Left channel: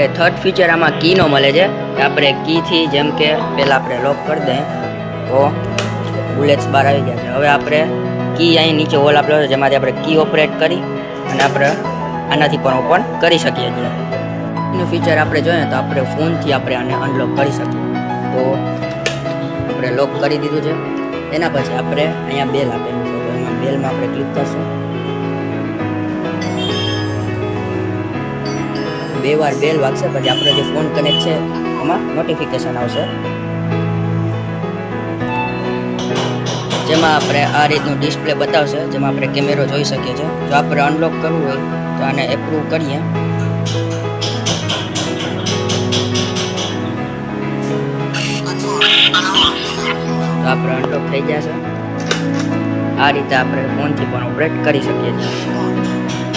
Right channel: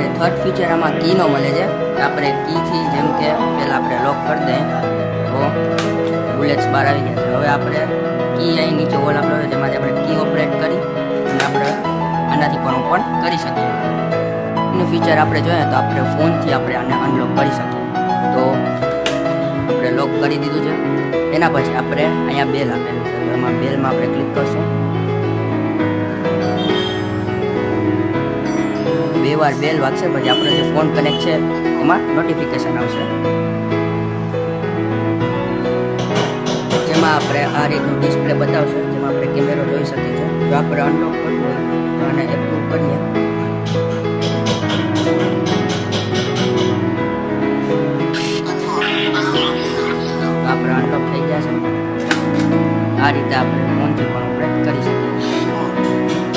આપણે third feature આમાં કીનો મળે છે કે આપણે કીથી જેમ કે પહેલાં આપણે લોક કરી દઈએ તો બુલેટ્સ બહાર આવી ગયા છે. હવે આપણે કી અહીં નીચે હોલ આપેલો છે જેમાંથી આપણે કી ઓપરેટ કરી અને આપણે આનાથી પણ ઓપન કરી શકીએ છીએ. એનું ફીચર આપણે જોઈએ તો આપણે ફોનથી આપણે આને અનલોક કરી શકીએ. તો આપણે લોક કરી દીધું છે. એના પછી આપણે અહીંયા બેલ આપેલું છે તો એમાં બેલમાં આપણે ક્લિક કરશું. 2 વાર બેલ વાગશે પછી આપણો જે ફોન કનેક્ટ છે એમાં નોટિફિકેશન આવશે જેમાં આપણે આ રીતનું ડિસ્પ્લે બતાવશે જેમાં આપણે કેમેરો જોઈ શકીએ છીએ. જો આપણે અનલોક કરવું હોય તો આને એપ્રુવ કરીએ. તો આપણે અનલોક થઈ ગયા છે. આ રીતે આપણે ફોનથી પણ ઓપરેટ કરી શકીએ છીએ.